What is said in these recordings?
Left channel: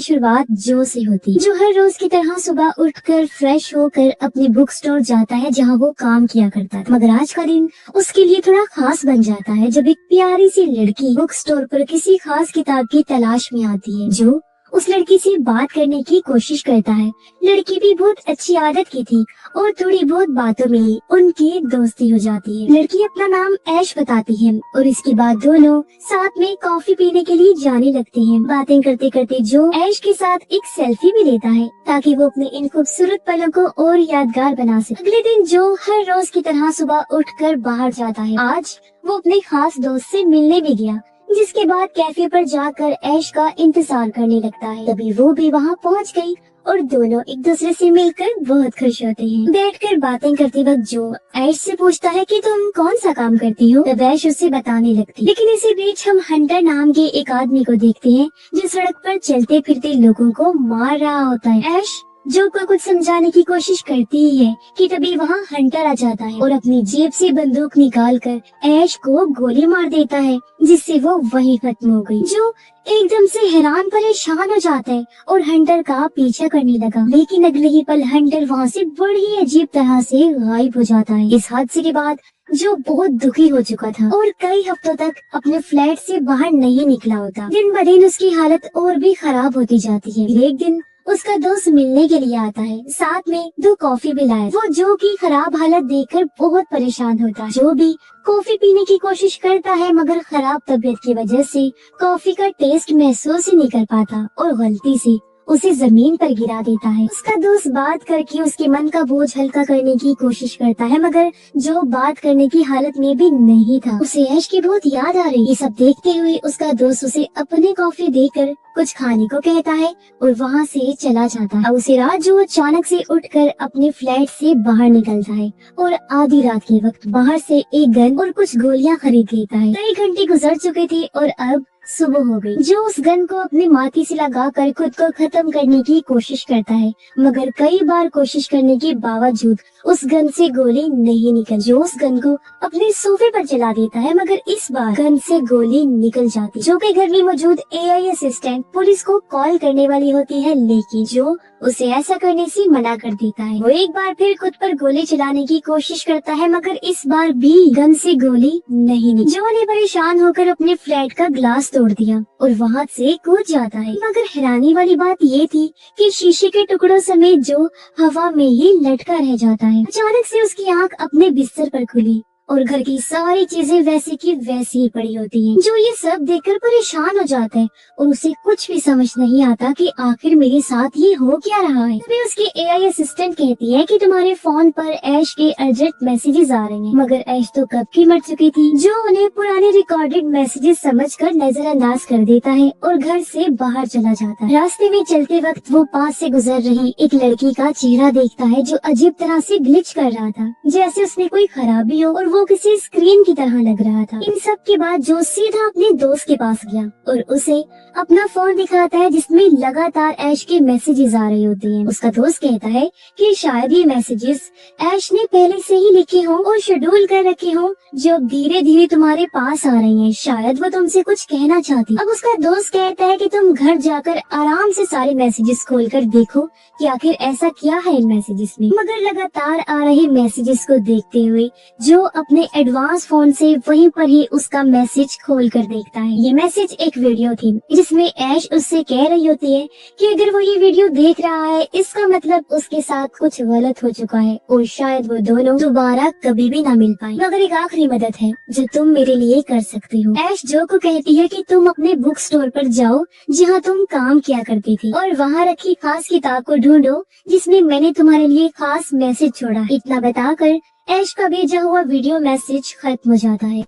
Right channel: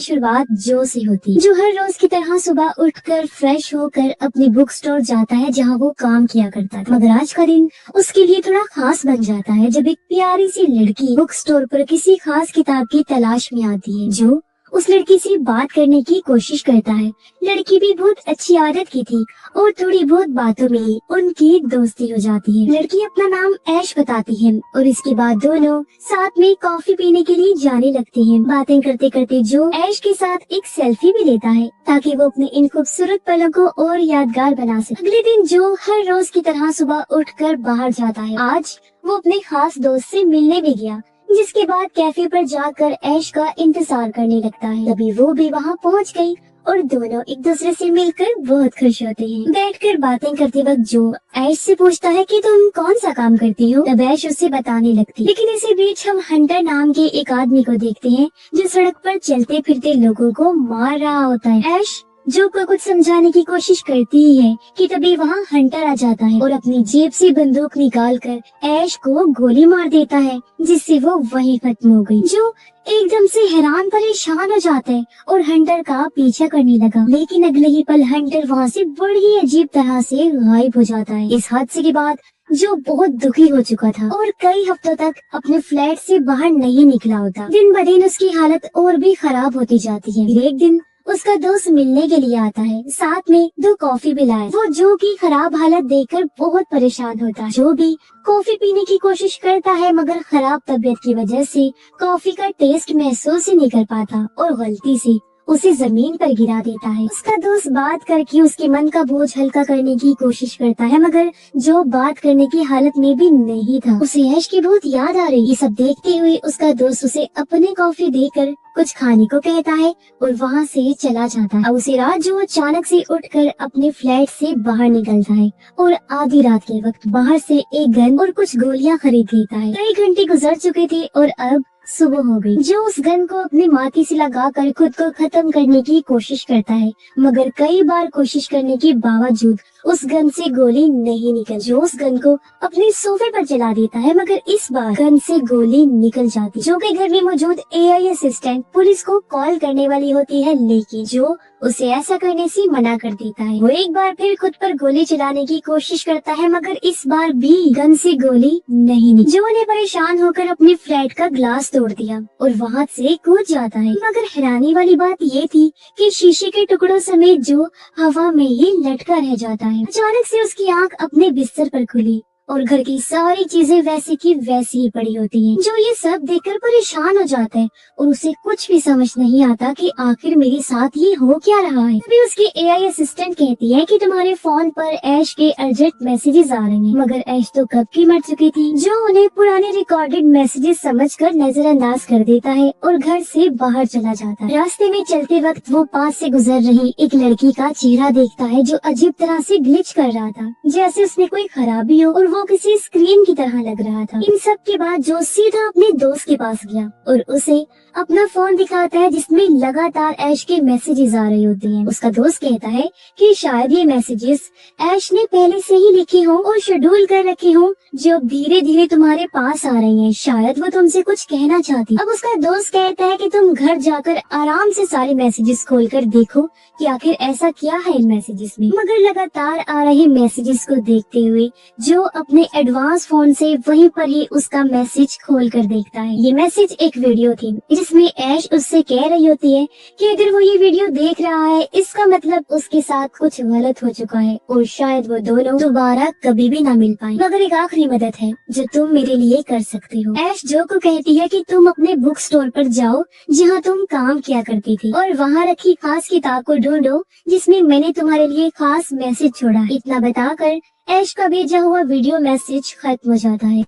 शुरुआत जो से होती है, जो हर रोज की तरह सुबह उठकर फ्रेश होकर अपने बुक स्टोर जाता है जहाँ वो काम किया करता था। मगर आज का दिन उसके लिए थोड़ा खास बन जाता है जब एक प्यारी सी लड़की बुक स्टोर पर किसी खास किताब की तलाश में आती है जो उस लड़की से बात करने की कोशिश करता है। लड़की भी बहुत अच्छी आदत की थी और थोड़ी बहुत बातों में उनकी दोस्ती हो जाती है। लड़की अपना नाम ऐश बताती है और इसके बाद दोनों साथ में कॉफी पीने के लिए जाने लगते हैं। बातें करते करते जो ऐश के साथ एक सेल्फी भी लेता है ताकि वो अपने इन खूबसूरत पलों को और यादगार बना सके। अगले दिन जो हर रोज की तरह सुबह उठकर बाहर जाता है, आज वो अपने खास दोस्त से मिलने भी गया, जिसके बाद कैफे पर जाकर ऐश का इंतजार करने लगता है। तभी वो भी वहाँ पहुँच गई और दोनों एक दूसरे से मिलकर बहुत खुश होते हैं। बैठकर बातें करते वक्त जो ऐश से पूछता है कि तुम कौन सा काम करती हो, तब ऐश उससे बताने लगती। लेकिन इसी बीच हम हंटर नाम के एक आदमी को देखते हैं जो सड़क पर चलते फिरते लोगों को मार रहा होता है। ऐश जो को कुछ समझाने की कोशिश करती ही है कि तभी वहाँ हंटर आ जाता है और अपनी जेब से बंदूक निकालकर ऐश को गोली मार देता है, जिससे वो वहीं खत्म हो गई। जो एकदम से हैरान परेशान हो जाता है और हंटर का पीछा करने लगा, लेकिन अगले ही पल हंटर वहाँ से बड़ी अजीब तरह से गायब हो जाता है। इस हादसे के बाद जो बहुत दुखी हो चुका था और कई हफ्तों तक अपने फ्लैट से बाहर नहीं निकला होता, दिन ब दिन उसकी हालत और भी खराब होती जाती है। एक दिन उसका दोस्त मिलने के लिए आता है, साथ में 2 कॉफी भी लाए। वो जो की खराब हालत देखकर बहुत परेशान होता है। जो भी कॉफी पीने की कोशिश करता है मगर खराब तबीयत की वजह से कॉफी का टेस्ट महसूस ही नहीं कर पाता और गलती से उसे जमीन पर गिरा देता है। उसका दोस्त बात करके उसके मन का बोझ हल्का करने की कोशिश करता है, मगर जो बात करने की हालत में भी नहीं था। उसे ऐश की बहुत याद आ रही। ये सब देखते हुए उसका दोस्त उसे अपने कॉफी देकर कुछ खाने को कहता है और वहाँ से चला जाता है। उसे रात जो अचानक से उठकर अपने फ्लैट से बाहर निकलता है और आधी रात के वक्त बाहर से एक गन और कुछ गोलियां खरीद लेता है। कई घंटे गुजर चुके थे और अब सुबह हो गई। जो उस गन को अपने माथे से लगाकर खुद को खत्म करने की कोशिश करता है, मगर कई बार कोशिश करने के बावजूद उस गन से गोली नहीं निकल। जो उस गन को अपने सोफे पर चला देता है, मगर इस बार गन से गोली निकल जाती। जो के घर में मौजूद एआई असिस्टेंट पुलिस को कॉल करने वाली होती है, लेकिन जो उसे ऐसा करने से मना कर देता है। वो एक बार फिर खुद पर गोली चलाने की कोशिश करता है, मगर इस बार भी गन से गोली नहीं निकली। जो ने परेशान होकर अपने फ्लैट का ग्लास तोड़ दिया और वहाँ से कूद जाता है, मगर हैरानी वाली बात ये थी कि शीशे के टुकड़ों समेत जो हवा में ही लटका रह जाता है। अचानक से उसकी आंख अपने बिस्तर पर खुली और घर की सारी चीजें वैसे की वैसी ही पड़ी होती हैं। जो ये सब देखकर परेशान हो जाता है और उसे कुछ भी समझ नहीं आता कि आखिर मेरे साथ ये हो क्या रहा है। तभी उसकी एआई असिस्टेंट कहती है कि तुम्हारे फोन पर ऐश के अर्जेंट मैसेजेस आ रहे हैं, मगर ऐश तो कब की मर चुकी थी। जो उन्हें पुराने रिकॉर्डेड मैसेजेस समझकर नजरअंदाज कर देता है और घर से बाहर चला जाता है। रास्ते में चलते वक्त वो पास से गुजर रही एक लड़की का चेहरा देखता है जो अजीब तरह से ग्लिच कर रहा था, जैसे उसने कोई खराबी हो और वो किसी स्क्रीन की तरह लग रहा था। इन सब के बाद जो सीधा अपने दोस्त के पास गया और उसे अपना फोन दिखाता है जिसमें लगातार ऐश के मैसेजेस आ रहे होते हैं। उसका दोस्त कहता है कि शायद ये मैसेजेस ऐश ने पहले से ही लिखे हों और शेड्यूल कर रखे हों, जो धीरे धीरे तुम्हारे पास आ रही हैं। शायद वो तुमसे कुछ कहना चाहती। अब उसका दोस्त कहता है कि तुम घर जाकर आराम से सारे मैसेजेस खोलकर देखो कि आखिर ऐसा क्या है इन मैसेजेस में। मगर लगातार आ रहे मैसेजेस को देखते हुए जो अपने एडवांस फोन से वहीं पर ही उसका मैसेज खोल कर देखता है। ये मैसेज एक वीडियो थी जिसमें ऐश उससे कह रही होती है कि अगर वो ये वीडियो देख रहा है इसका मतलब उसके साथ कुछ गलत हो चुका है और शायद वो दोनों दोबारा कभी भी ना मिल पाए। मगर एक आखिरी मदद है जो तुम मेरे लिए कर सकते हो। ऐश जो को कहती है कि तुम अपने बुक स्टोर पर जाओ जहाँ तुम काम किया करती थी और वहाँ रखी खास किताब को ढूंढो जिसमें मैंने तुम्हारे लिए खास मैसेज छोड़ा। इतना बताकर ऐश का भेजा हुआ वीडियो मैसेज खत्म हो जाता है।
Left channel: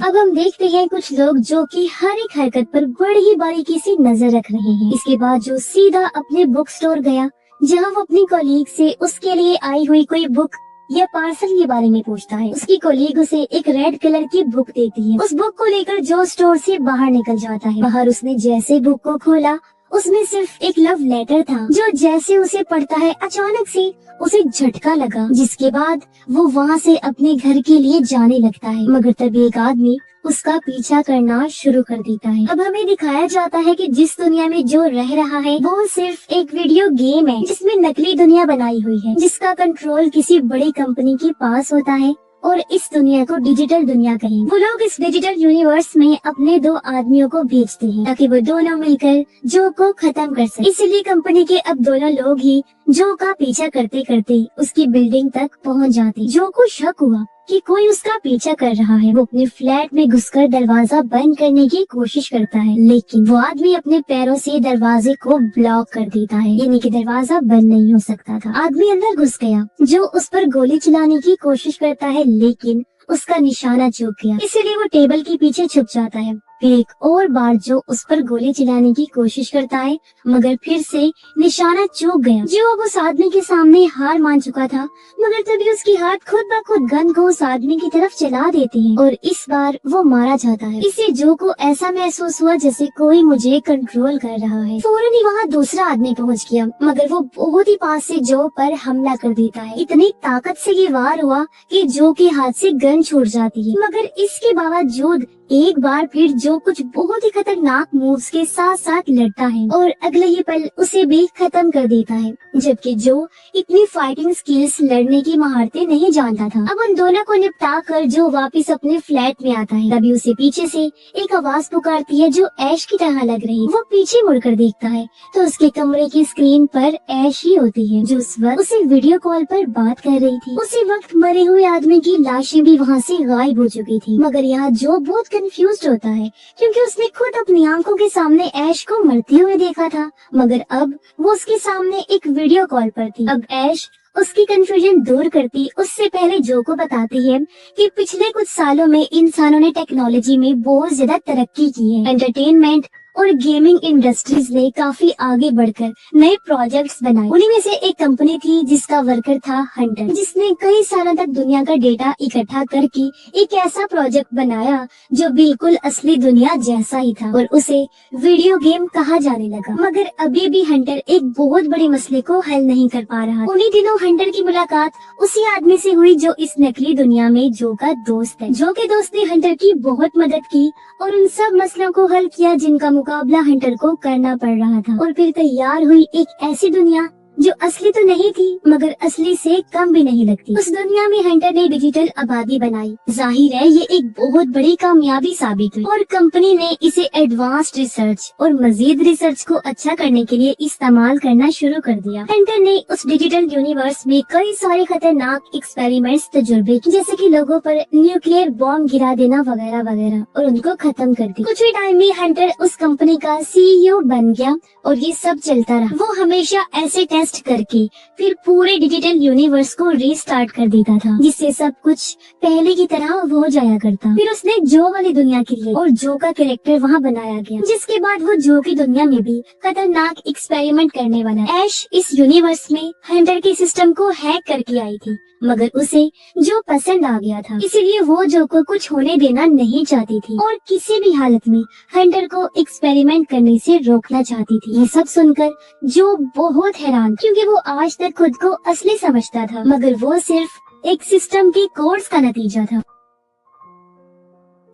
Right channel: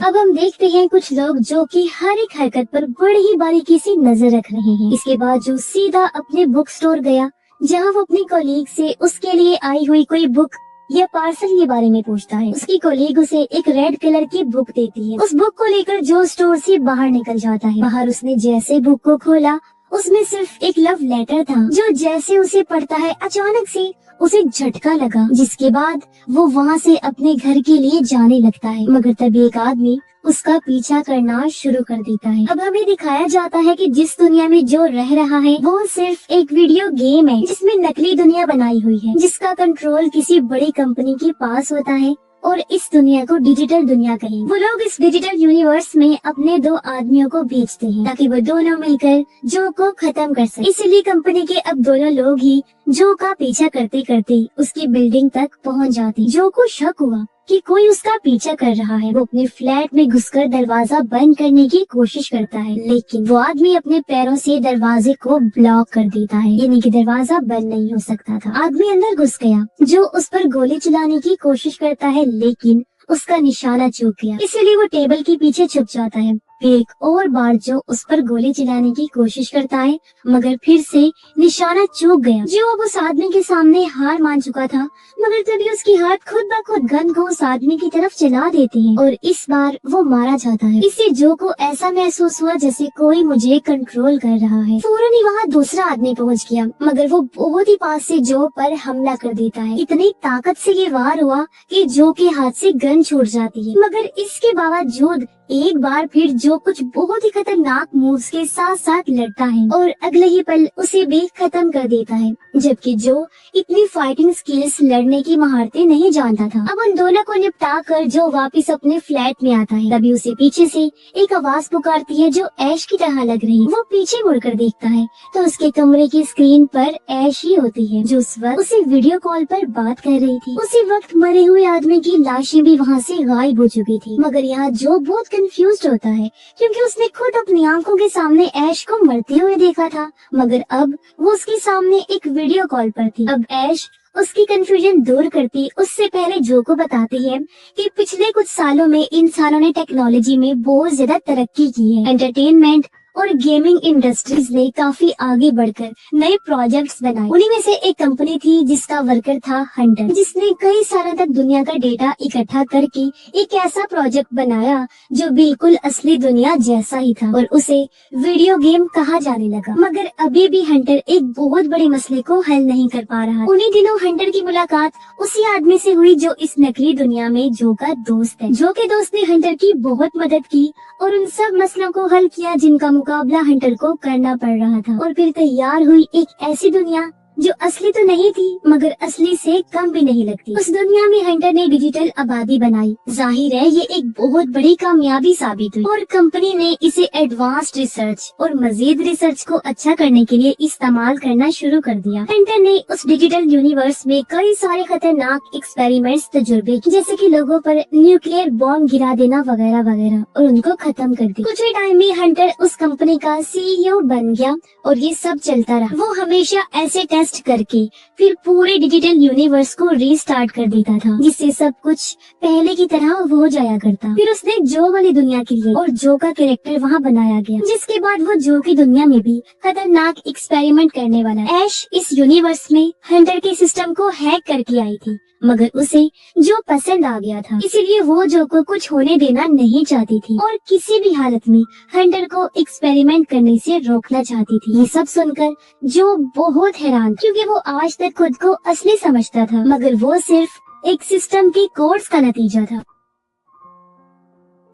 अब हम देखते हैं कुछ लोग जो कि हर एक हरकत पर बड़ी ही बारीकी से नजर रख रहे हैं। इसके बाद जो सीधा अपने बुक स्टोर गया जहां वो अपनी कलीग से उसके लिए आई हुई कोई बुक या पार्सल के बारे में पूछता है। उसकी कलीग उसे एक रेड कलर की बुक देती है। उस बुक को लेकर जो स्टोर से बाहर निकल जाता है। बाहर उसने जैसे बुक को खोला उसमें सिर्फ एक लव लेटर था जो जैसे उसे पढ़ता है अचानक से उसे झटका लगा, जिसके बाद वो वहाँ से अपने घर के लिए जाने लगता है। मगर तभी एक आदमी उसका पीछा करना शुरू कर देता है। अब हमें दिखाया जाता है कि जिस दुनिया में जो रह रहा है वो सिर्फ एक वीडियो गेम है जिसमें नकली दुनिया बनाई हुई है, जिसका कंट्रोल किसी बड़ी कंपनी के पास होता है और इस दुनिया को डिजिटल दुनिया कहें। वो लोग इस डिजिटल यूनिवर्स में अपने 2 आदमियों को भेजते हैं ताकि वो दोनों मिलकर जो को खत्म कर सके। इसीलिए कंपनी के अब दोनों लोग ही जो का पीछा करते करते उसकी बिल्डिंग तक पहुंच जाते। जो को शक हुआ कि कोई उसका पीछा कर रहा है। वो अपने फ्लैट में घुसकर दरवाजा बंद करने की कोशिश करता है, लेकिन वो आदमी अपने पैरों से दरवाजे को ब्लॉक कर देता है, यानी कि दरवाजा बंद नहीं हो सकता था। आदमी अंदर घुस गया, जो उस पर गोली चलाने की कोशिश करता है, लेकिन उसका निशाना चूक गया, इसीलिए वो टेबल के पीछे छुप जाता है। फिर एक और बार जो उस पर गोली चलाने की कोशिश करता है, मगर फिर से निशाना चूक गया। जो अब उस आदमी के सामने हार मान चुका था, मगर तभी उसके हाथ खुद ब खुद गन को उस आदमी की तरफ चला देते हैं और इस बार वो मारा जाता है। इससे जो को ऐसा महसूस हुआ जैसे कोई मुझे कंट्रोल कर रहा है। फौरन ही वहाँ दूसरा आदमी पहुँच गया, मगर वो बहुत ही पास से जो पर हमला कर देता है। इतनी ताकत से ये वार हुआ कि जो के हाथ से गन छूट जाती है, मगर इसके बावजूद एक बार फिर जो कुछ बहुत ही खतरनाक मूव्स के साथ साथ लड़ता है और अगले ही पल उसे भी खत्म कर देता है, जबकि जो इतनी फाइटिंग स्किल्स लड़ने की महारतें नहीं जानता था। अब उन दोनों को निपटा कर जो वापस अपने फ्लैट में आता है, तभी उसे पीछे से एक आवाज पुकारती है जो ऐश की तरह लग रही है। वो पीछे मुड़कर देखता है तो उसके कमरे की स्क्रीन पर ऐश ही होती है, जो उस वक्त उसे वीडियो कॉल पर बात कर रही थी। उसी वक्त मरे हुए आदमी की लाशें भी वहाँ से गायब हो चुकी थी, मगर यहाँ जो बहुत कंफ्यूज्ड होता है क्योंकि उसने खुद अपनी आंखों के सामने ऐश को मरते हुए देखा था, मगर अब वो उसके सामने एक वीडियो कॉल पर थी। अब ऐश उसकी कंफ्यूजन दूर करती उससे पहले जो को बताती है कि पिछले कुछ सालों में इंसानों ने टेक्नोलॉजी में बहुत ज्यादा तरक्की की है। एंटरटेनमेंट और गेमिंग इंडस्ट्रीज ने काफी आगे बढ़कर नए प्रोजेक्ट्स बनाए। उन्हीं में से एक कंपनी थी जिसका वर्कर था हंटर, जिसने कई सालों तक दुनिया का डेटा इकट्ठा करके एक ऐसा प्रोजेक्ट बनाया जो बिल्कुल असली दुनिया जैसा ही था और उसे वीडियो गेम कहा जाने लगा। मगर अभी भी हंटर एक बहुत बड़े मसले को हल नहीं कर पा रहा। उन्हीं दिनों हंटर की मुलाकात उसी आदमी से हुई जो इस नकली दुनिया में जो का दोस्त है। जो के दोस्त ने हंटर की बहुत मदद की और उन सब मसलों को हल किया जिनका मुकाबला हंटर को करना पड़ रहा था। और फिर तैयार हुई एक ऐसी दुनिया जो असली तो नहीं थी मगर असली से कम भी नहीं लगती। उस दुनिया में हंटर ने डिजिटल आबादी बनाई। जाहिर है ये एक बहुत बड़ी कामयाबी साबित हुई और कंपनी ने इसे एडवांस्ड रिसर्च और मजीद रिसर्च को अच्छा करने के लिए इस्तेमाल करना शुरू कर दिया। हंटर ने उस डिजिटल यूनिवर्स में कई सारे खतरनाक एक्सपेरिमेंट्स तजुर्बे किए, जैसे कि लोगों पर न्यूक्लियर बॉम्ब गिरा देना वगैरह वगैरह, और उनको खत्म कर दिया। कुछ ही टाइम में हंटर उस कंपनी का CEO बन गया और ये सब चलता रहा। वो हमेशा ऐसे टेस्ट करके फिर पूरे डिजिटल यूनिवर्स को रीस्टार्ट कर देता था, जिससे सब कुछ पहले की तरह हो जाया करता। फिर उसने जो वाली दुनिया के लिए और जो का कैरेक्टर वहाँ बनाया गया, जिसके बाद वो जो की दुनिया में भी खतरनाक एक्सपेरिमेंट करने वाला। ऐश इस यूनिवर्स में हंटर के सिस्टम को हैक करके आई थी, मगर उसे जो पसंद आ गया था, इसीलिए वो जो को कुछ होने देना नहीं चाहती थी और किसी भी हालत में हंटर को एक्सपेरिमेंट करने से रोकना चाहती थी। ये सब सुनकर जो बहुत हैरान, क्योंकि वो आज तक खुद को असली समझता था, मगर वो सिर्फ एक सिस्टम के कोर्स का नतीजा था।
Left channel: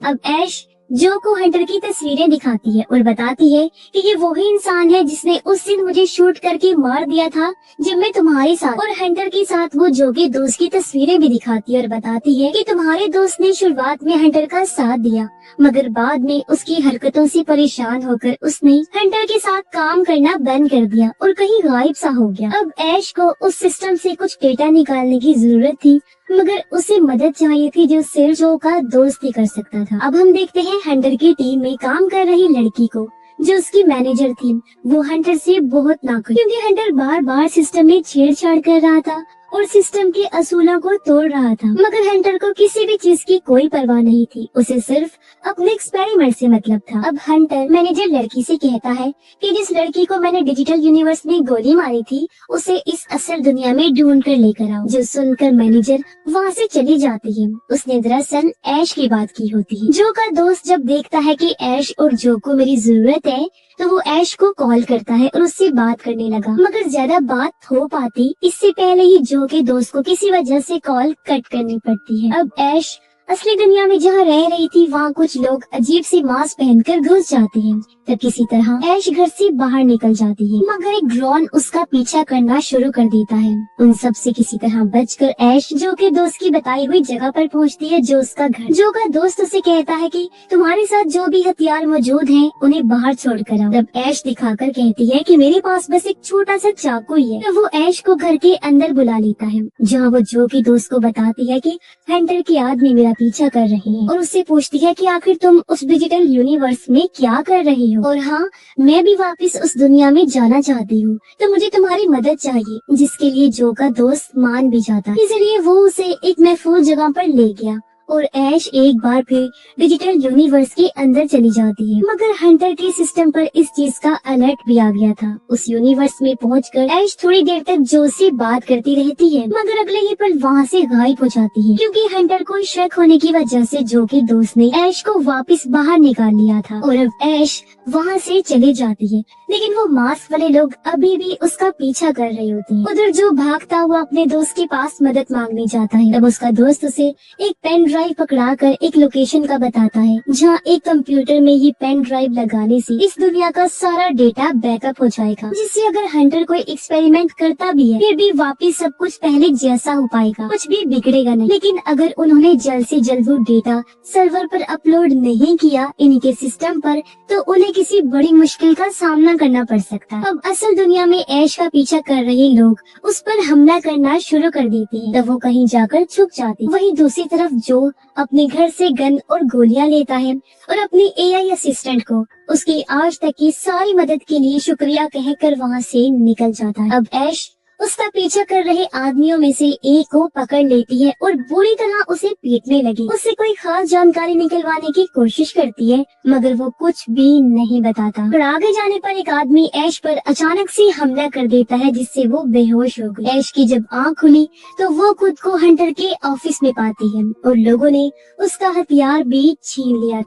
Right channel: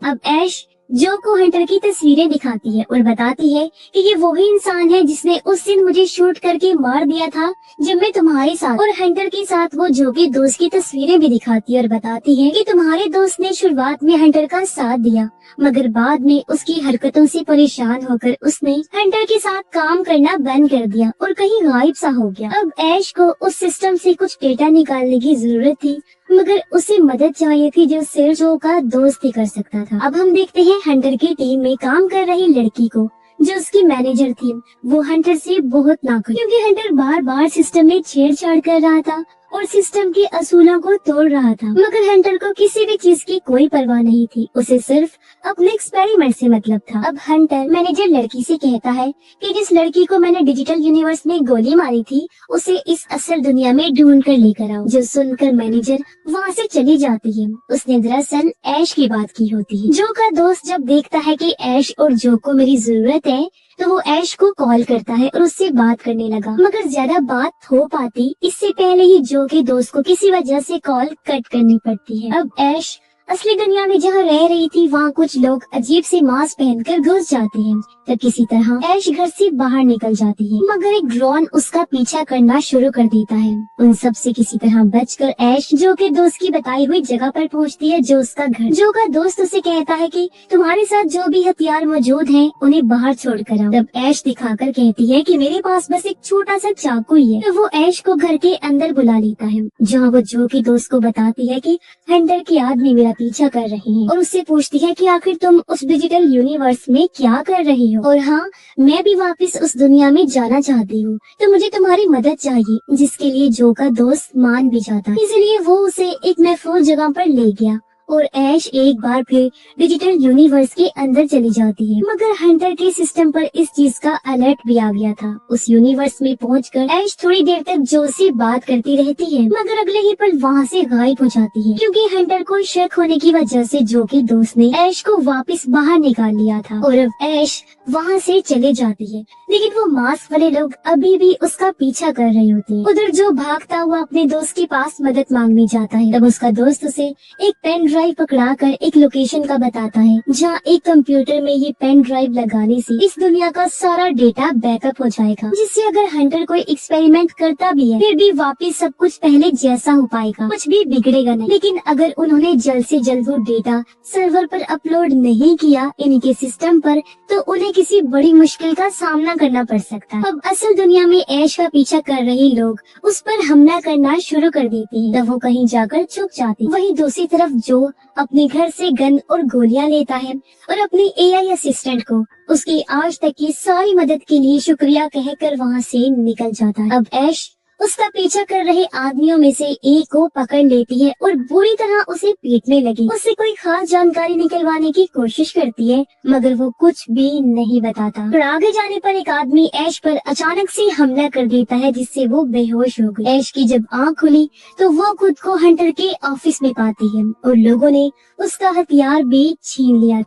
अब ऐश जो को हंटर की तस्वीरें दिखाती है और बताती है कि ये वही इंसान है जिसने उस दिन मुझे शूट करके मार दिया था जब मैं तुम्हारे साथ, और हंटर के साथ वो जो के दोस्त की तस्वीरें भी दिखाती है और बताती है कि तुम्हारे दोस्त ने शुरुआत में हंटर का साथ दिया, मगर बाद में उसकी हरकतों से परेशान होकर उसने हंटर के साथ काम करना बंद कर दिया और कहीं गायब सा हो गया। अब ऐश को उस सिस्टम से कुछ डेटा निकालने की जरूरत थी, मगर उसे मदद चाहिए थी जो सिर्फ जो का दोस्त ही कर सकता था। अब हम देखते हैं हंटर की टीम में काम कर रही लड़की को, जो उसकी मैनेजर थी। वो हंटर से बहुत नाखुश, क्योंकि हंटर बार बार सिस्टम में छेड़छाड़ कर रहा था और सिस्टम के असूलों को तोड़ रहा था, मगर हंटर को किसी भी चीज की कोई परवाह नहीं थी। उसे सिर्फ अपने एक्सपेरिमेंट से मतलब था। अब हंटर मैनेजर लड़की से कहता है कि जिस लड़की को मैंने डिजिटल यूनिवर्स में गोली मारी थी उसे इस असल दुनिया में ढूंढ कर लेकर आओ। जो सुनकर मैनेजर वहाँ से चली जाती है। उसने दरअसल ऐश की बात की होती है। जो का दोस्त जब देखता है कि ऐश और जो को मेरी जरूरत है तो वो ऐश को कॉल करता है और उससे बात करने लगा, मगर ज्यादा बात हो पाती इससे पहले ही जो के दोस्त को किसी वजह से कॉल कट करनी पड़ती है। अब ऐश असली दुनिया में जहाँ रह रही थी वहाँ कुछ लोग अजीब से मास्क पहनकर घुस जाते हैं। तब किसी तरह ऐश घर से बाहर निकल जाती है, मगर एक ड्रोन उसका पीछा करना शुरू कर देता है। उन सब से किसी तरह बचकर ऐश जो के दोस्त की बताई हुई जगह पर पहुँचती है, जो उसका घर। जो का दोस्त उसे कहता है कि तुम्हारे साथ जो भी हथियार मौजूद हैं, उन्हें बाहर छोड़कर आओ। तब ऐश दिखाकर कहती है कि मेरे पास बस एक छोटा सा चाकू ही है। तो वो ऐश को घर के अंदर बुला लेता है, जहाँ वो जो की दोस्त को बताती है कि हंटर के आदमी मेरा पीछा कर रहे हैं, और उससे पूछती है कि आखिर तुम उस डिजिटल यूनिवर्स में क्या कर रही हो। और हाँ, मैं भी वापस उस दुनिया में जाना चाहती हूँ, तो मुझे तुम्हारी मदद चाहिए। जिसके लिए जो का दोस्त मान भी जाता, इसलिए वो उसे एक महफूज जगह पर ले गया और ऐश एक बार फिर डिजिटल यूनिवर्स के अंदर चली जाती है। मगर हंटर के सिस्टम पर इस चीज का अलर्ट भी आ गया था। उस यूनिवर्स में पहुंचकर ऐश थोड़ी देर तक जो से बात करती रहती है, मगर अगले ही पल वहाँ से गायब हो जाती है, क्योंकि हंटर को शक होने की वजह से जो की दोस्त ने ऐश को वापस बाहर निकाल लिया था। और अब ऐश वहाँ से चले जाती है, लेकिन वो मास्क वाले लोग अभी भी उसका पीछा कर रहे होते हैं। उधर जो भागता हुआ अपने दोस्त के पास मदद मांगने जाता है, तब उसका दोस्त उसे एक पेन ड्राइव पकड़ाकर एक लोकेशन का बताता है, जहाँ एक कंप्यूटर में ही पेन ड्राइव लगाने से इस दुनिया का सारा डेटा बैकअप हो जाएगा, जिससे अगर हंटर कोई एक्सपेरिमेंट करता भी है, फिर भी वापिस सब कुछ पहले जैसा हो पाएगा, कुछ भी बिगड़ेगा नहीं। लेकिन अगर उन्होंने जल्द से जल्द वो डेटा सर्वर पर अपलोड नहीं किया इनके सिस्टम पर, तो उन्हें किसी बड़ी मुश्किल का सामना करना पड़ सकता है। अब असल दुनिया में ऐश का पीछा कर रहे लोग उस पर हमला करना शुरू कर देते हैं, तब वो कहीं जाकर छुप जाती। वहीं दूसरी तरफ जो अपने घर से गन और गोलियां लेता है और अपने एआई असिस्टेंट को उसकी आज तक की सारी मदद के लिए शुक्रिया कहकर वहाँ से निकल जाता है। अब ऐश उसका पीछा कर रहे आदमियों में से एक को पकड़ लेती है और बुरी तरह उसे पीटने लगी। उससे कोई खास जानकारी निकलवाने की कोशिश करती है, मगर वो कुछ भी नहीं बताता। पर आगे जाने पर एक आदमी ऐश पर अचानक से हमला कर देता है, जिससे वो बेहोश हो गई। ऐश की जब आँख खुली तो वो खुद को हंटर के ऑफिस में पाती है और लोगों ने उसका हथियार भी छीन लिया।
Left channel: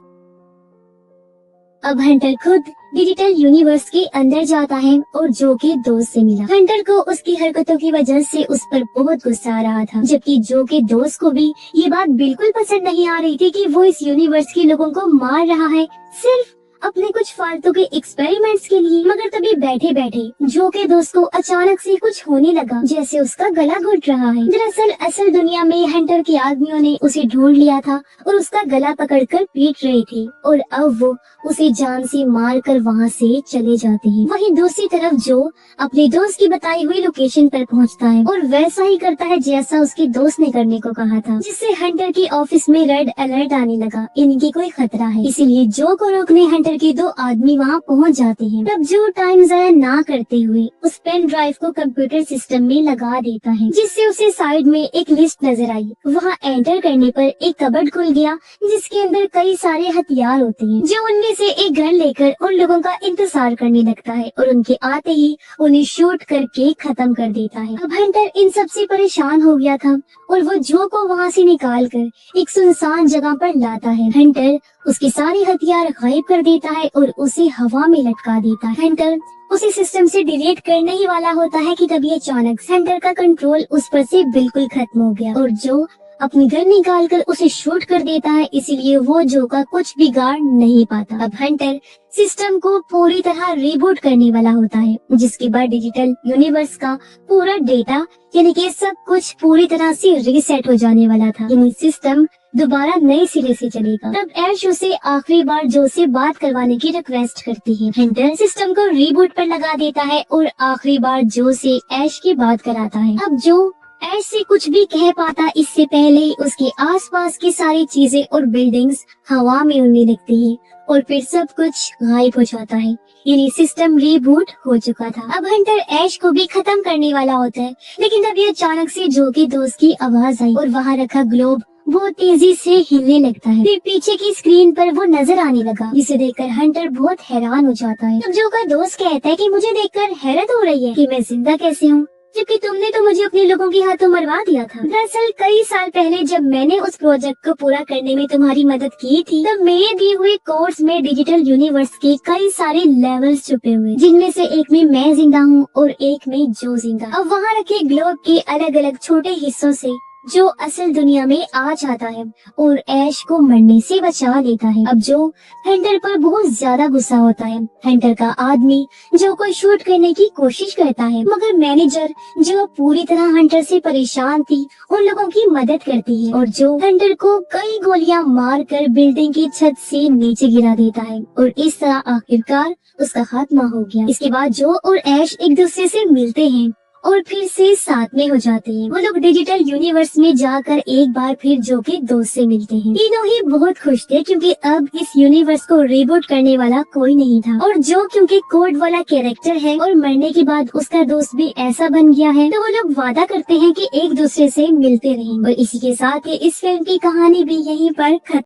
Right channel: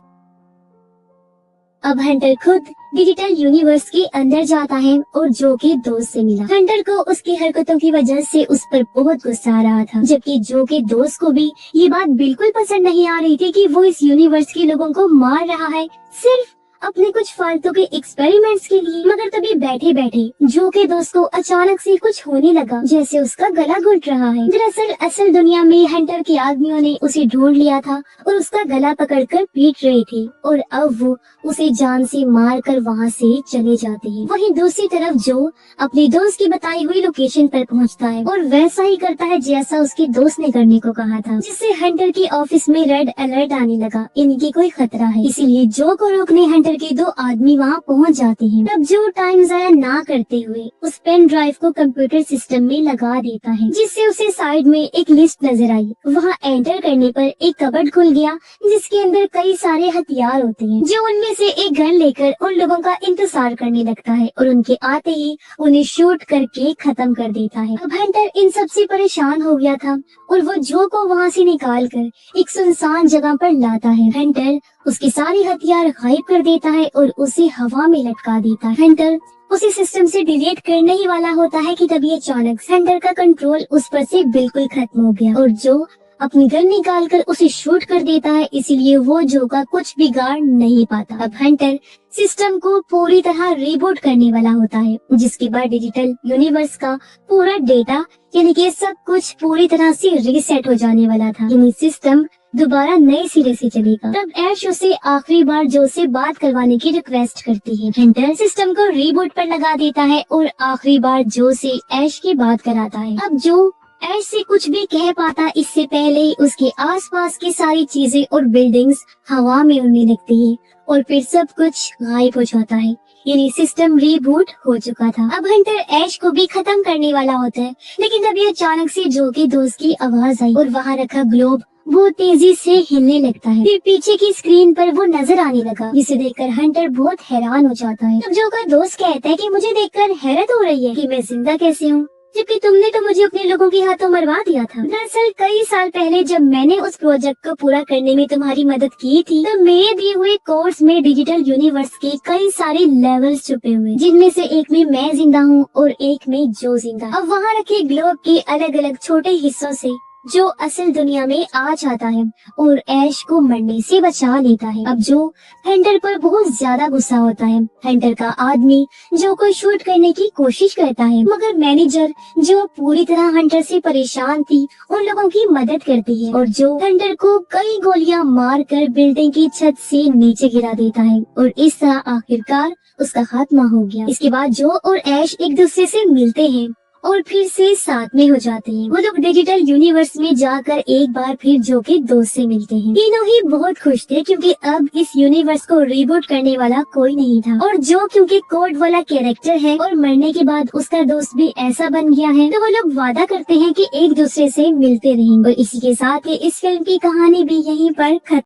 अब हंटर खुद डिजिटल यूनिवर्स के अंदर जाता है और जो के दोस्त से मिला। हंटर को उसकी हरकतों की वजह से उस पर बहुत गुस्सा आ रहा था, जबकि जो के दोस्त को भी ये बात बिल्कुल पसंद नहीं आ रही थी कि वो इस यूनिवर्स के लोगों को मार रहा है सिर्फ अपने कुछ फालतू के एक्सपेरिमेंट्स के लिए। मगर तभी बैठे बैठे जो के दोस्त को अचानक से कुछ होने लगा, जैसे उसका गला घुट रहा है। दरअसल असल दुनिया में हंटर के आदमियों ने उसे ढूंढ लिया था और उसका गला पकड़कर पीट रहे थे, और अब वो उसे जान से मार कर वहाँ से चले जाते हैं। वहीं दूसरी तरफ जो अपने दोस्त की बताई हुई लोकेशन पर पहुँचता है और वैसा ही करता है जैसा उसके दोस्त ने करने को कहा था, जिससे हंटर के ऑफिस में रेड अलर्ट आने लगा, यानी कि कोई खतरा है। इसीलिए जो को रोकने हंटर के दो आदमी वहाँ पहुँच जाते हैं। तब जो टाइम जाया ना करते हुए उस पेन ड्राइव को कंप्यूटर सिस्टम में लगा देता है, जिससे उसे साइड में एक लिस्ट नजर आई। वहाँ एंटर करने पर एक कबर्ड खुल गया, जिसके अंदर कई सारे हथियार होते हैं। जो उनमें से एक गन लेकर उन लोगों का इंतजार करने लगता है और उनके आते ही उन्हें शूट करके खत्म कर देता है। अब हंटर इन सब से परेशान हो गया था और वो जो को वहाँ से निकाल कर एक सुनसान जगह पर लाता है। हंटर उसके सारे हथियार गायब कर देता है और उसे हवा में लटका देता है। हंटर उसे सिस्टम से डिलीट करने ही वाला होता है कि तभी अचानक हंटर का कंट्रोल उस पर से बिल्कुल खत्म हो गया और जो अपनी गन निकालकर उसे शूट कर देता है। इसीलिए वो जो का कुछ बिगाड़ नहीं पाता। अब हंटर सिस्टम को पूरी तरह रिबूट करने वाला होता है, जिसके बाद डिजिटल यूनिवर्स का पूरा डेटा यानी कि सब कुछ पूरी तरह से रीसेट हो जाने वाला था, यानी सिस्टम दोबारा नए सिरे से चलेगा। तब ऐश उसे आखिरी बार जो से बात करवाने की रिक्वेस्ट करती है। हंटर सिस्टम को रिबूट पर लगा देता है और आखिरी बार जो से ऐश की बात कराता है। अब जो ऐश से कुछ भी कह पाता इससे पहले ही उसके आसपास की सारी चीजें और बिल्डिंग्स हवा में उड़ने लगती है और फिर सब कुछ गायब हो जाता है, यानी सिस्टम रिबूट हो चुका था। अब हंटर ऐश को भी खत्म करने वाला होता है, लेकिन तभी अचानक से जो के दोस्त की आवाज आई और वहाँ रखा ग्लोब बहुत तेजी से हिलने लगता है। फिर पीछे की स्क्रीन पर वो नजर आने लगा, जिसे देखकर हंटर बहुत हैरान हो जाता है। तब जो का दोस्त कहता है कि मुझे देखकर हैरत हो रही है कि मैं जिंदा कैसे हूँ, जबकि तुमने तो मुझे अपने लोगों के हाथों मरवा दिया था। दरअसल कई साल पहले जब मैंने उस प्रोजेक्ट को पूरा करने में तुम्हारी मदद की थी, तब मेरे दिए हुए कोर्स में डिजिटल यूनिवर्स के कई सारे लेवल्स छुपे हुए, जिनमें से एक में मैं जिंदा हूँ और एक में जो जिंदा। अब वहाँ रखे ग्लोब के अलग अलग छोटे हिस्सों से जो असल दुनिया में आ जाता है और ऐश को मरने से बचा लेता है। अब जो हंटर पर बहुत ज्यादा गुस्सा होता है। हंटर का आदमी जो को शूट करने की कोशिश करता है, मगर मैनेजर जो पूरी तरह हंटर से परेशान थी उन लोगों की मदद करती है और जो हंटर को कई गोलियां मारकर बिल्डिंग की छत से नीचे गिरा देता है और इस तरह आखिरकार उसका खात्मा हो गया। इसके बाद जो और ऐश एक दूसरे से मिलते हैं और फिर से साथ में हो जाते हैं। वो लोग डिजिटल यूनिवर्स में जाकर एक बार फिर जो के दोस्त से मिलते हैं। तीनों ही बहुत खुश थे क्योंकि अब इस यूनिवर्स को रिबूट करने वाला कोई नहीं था और जो क्योंकि कोड वाला कैरेक्टर है और मरने के बाद उसका दोस्त भी ऐसा बन गया है, तो वो लोग वादा करते हैं कि एक दूसरे से मिलते रहेंगे। और इसी के साथ ही इस फिल्म की कहानी भी यहीं पर खत्म